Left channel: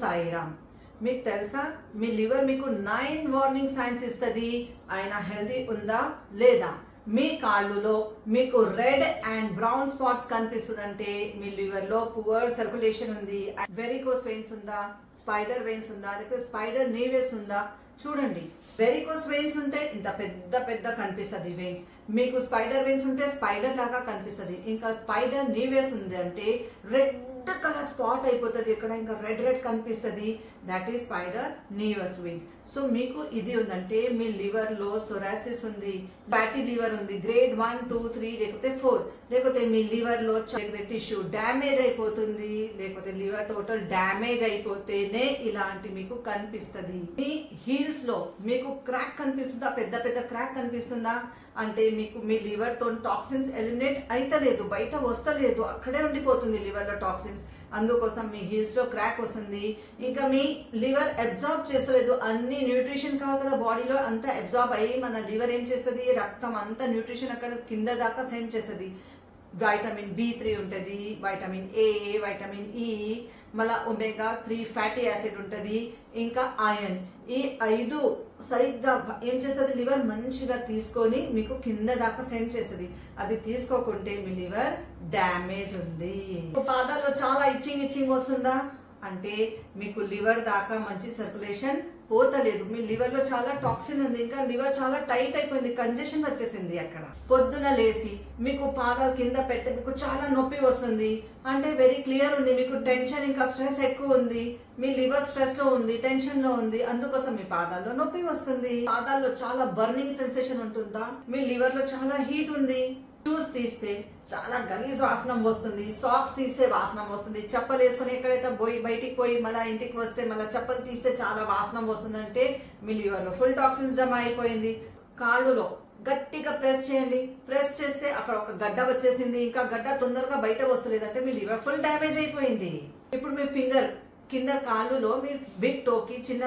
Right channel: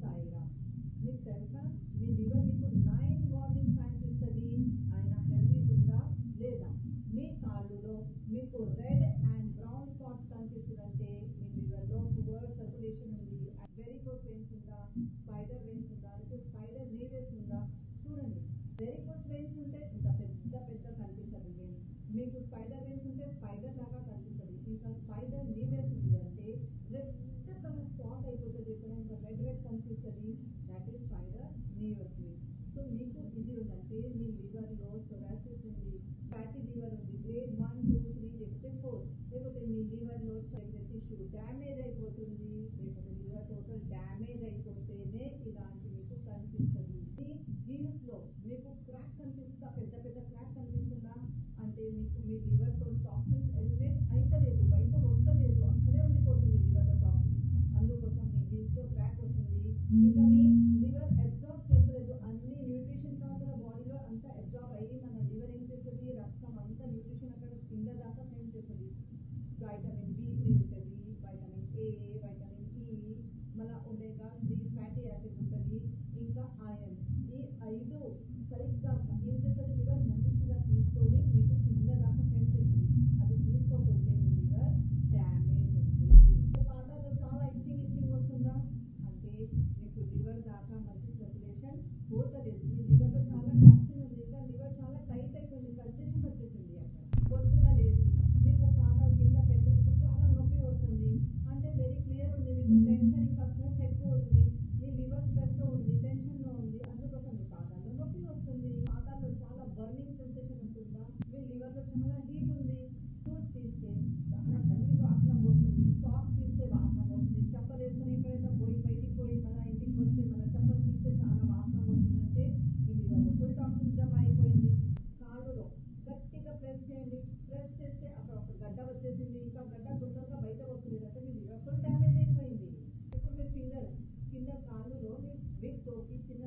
సాయిరామ్. మీకు తెలుసా మీ లివర్ మీకు 9 వార్నింగ్ సైన్స్ ఇస్తుంది ఆయన హెల్దీ ఉందా లేదా. మీ కాళ్ళులో మీకు రెడ్ అండ్ బ్రౌన్ స్పాట్స్ కనిపిస్తుందంటే మీ లివర్ లో పువర్ సర్క్యులేషన్ ఉంది, వెరికోస్ వెయిన్స్ ఉందా, స్పైడర్ వెయిన్స్ ఉందా, లేకపోతే స్పైడర్ నీవెస్ ఉందా. చూడండి, వెరికోస్ వెయిన్స్ ఉంటే ఇంత పెద్ద పెద్ద కనిపిస్తుంది వెయిన్స్, మీకు స్పైడర్ వెయిన్స్ ఉంటే స్పైడర్ లాగా కనిపిస్తుంది, ఇంకా స్పైడర్ నీవెస్ ఉంది అంటే రెడ్ కలర్ స్పాట్ అయిపోతుంది, ఇక్కడ ఇంకా రెడ్ రెడ్ కనిపిస్తుంది, that is spider naevus veins. So మీకు ఇది ఉందంటే మీ లివర్ లో సొరాసిస్ ఉంది, ఫ్యాటీ లివర్ ఉంది, గ్రేడ్ 1, 2, 3 లేకపోతే 4, లేకపోతే మీ లివర్ లో టిష్యూ డ్యామేజ్ అయిపోతుంది, లేకపోతే లివర్ టోటల్ డ్యామేజ్ అయిపోతేనే ఇలాంటి మీకు కనిపిస్తుంది. మీ హీల్స్ లో మీకు క్రాక్ కనిపిస్తుందా, పెద్ద పెద్ద క్రాక్ కనిపిస్తుందా అంటే మీకు మీ లివర్ తో టాక్సిన్స్ ఎలిమినేట్ అయితలేదు, బయట వస్తలేదు, అక్కడే ఉండిపోతుంది లివర్ లో టాక్సిన్స్, అందుకోసం మీ హీల్స్ లో క్రాక్ వస్తుంది. ఇంకా మీ లివర్ అబ్జార్బ్ చేస్తలేదు, అన్ని న్యూట్రిషన్ కావాలి కదా బాడీలో, అంతా అబ్జార్బ్ అయ్యి మన లివర్ ఏం చేస్తుంది, రక్తం అంతా న్యూట్రిషన్ అక్కడ కింద దాకా సెండ్ చేస్తుంది. వైటమిన్ B3 ఉంటుంది, వైటమిన్ A, వైటమిన్ E, మళ్ళా ఒమేగా 3 ఫ్యాటీ యాసిడ్ ఉంటుంది, ఇంకా ఐరన్. ఈ 5 సరిగ్గా ఏం చేస్తుంది, లివర్ మంచిగా తీసుకొని మీకు కింద దాకా సెండ్ చేస్తుంది. అది తీసుకోకుంటే మీ లివర్ డ్యామేజ్ ఉంది. పాదాల్లో చాలా ఇచ్చింగ్ వస్తుందా అంటే మీకు లివర్ దాకా మంచి సర్క్యులేషన్ పోతలేదు, మీ లివర్ లో చాలా టాక్సిన్ ఉంది, ఇంకా లివర్ చాలా టైట్ అయిపోయింది, కంజెషన్ వచ్చేసింది. అక్కడ పొద్దున లేచి మీకు పాదాల కింద పెడితే మీకు చాలా నొప్పి వస్తుంది అంటే వెరీ క్లియర్ ఉంది, మీకు టెన్షన్ ఇంకా స్ట్రెస్ ఎక్కువ ఉంది, మీ లివర్ స్ట్రెస్ లో ఉంది, టెన్షన్ లో ఉంది, అందుకోసం మీ పాదాల్లో నొప్పి వస్తుంది. పాదాల్లో చాలా బర్నింగ్ సెన్సేషన్ ఉంటుందా, మీ లివర్ లో చాలా హీట్ ఉంది, షూస్ తీస్తే చాలా గలీజ్ వాసనం వస్తుంది, సాక్స్ తీస్తే వాసనం వస్తుంది, చెప్పలు వేసుకొని ఎక్కడైతే బయటికి పోయి మళ్ళీ ఇంటికి వస్తే మళ్ళీ చెప్పలు తీస్తే చాలా వాసనం వస్తుంది అంటే మీ లివర్ లో ఫుల్ టాక్సిన్స్ జమ అయిపోయింది. కాళ్ళులో గట్టిగా ప్రెస్ చేయండి, ప్రెస్ చేస్తే అక్కడ ఒక గడ్డ వచ్చేసింది, ఇంకా గడ్డ తొందరగా బయట వస్తలేదు అంటే మీ లివర్ ఫుల్ డ్యామేజ్ అయిపోయింది. ఇప్పుడు మీ ఫింగర్ కింద కాళ్ళులో మీ బిగ్ టోకి చిన్న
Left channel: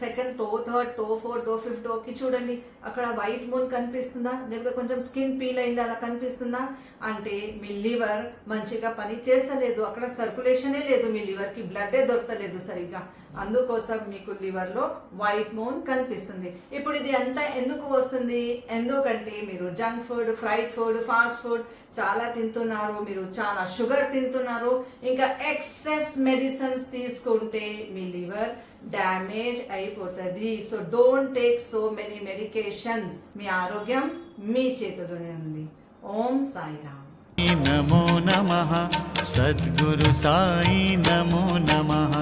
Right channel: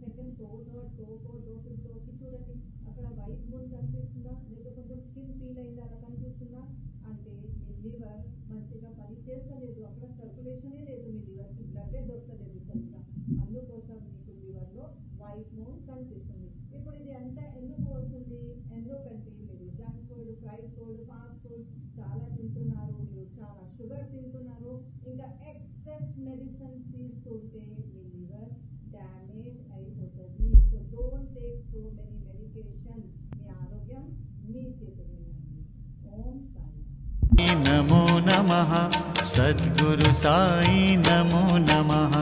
second toe, third toe, fourth toe, fifth టోకి చూడండి, అక్కడ వైట్ మూన్ కనిపిస్తుందా, లేకపోతే కొంచెం స్కిన్ పీల్ అయింది అలా కనిపిస్తుందా అంటే మీ లివర్ మంచిగా పని చేస్తలేదు, అక్కడ సర్క్యులేషనే లేదు, మీ లివర్ కి బ్లడ్ దొరకలేదు సరిగ్గా, అందుకోసం మీకు లివర్ లో వైట్ మూన్ కనిపిస్తుంది. ఇప్పుడు ఇది అంతా ఎందుకు వస్తుంది, ఎందుకంటే మీరు junk food, fried food, fast food చాలా తింటున్నారు, మీరు చాలా షుగర్ తింటున్నారు, ఇంకా ఎక్సెస్ మెడిసిన్స్ తీసుకుంటే మీ లివర్ డ్యామేజ్ అయిపోతుంది. So don't take so many medications, మీ ఆరోగ్యం మీ చేతిలోనే ఉంది. ఓం సాయిరామ్. నమో నమః సద్గురు సాయి నమో నమః.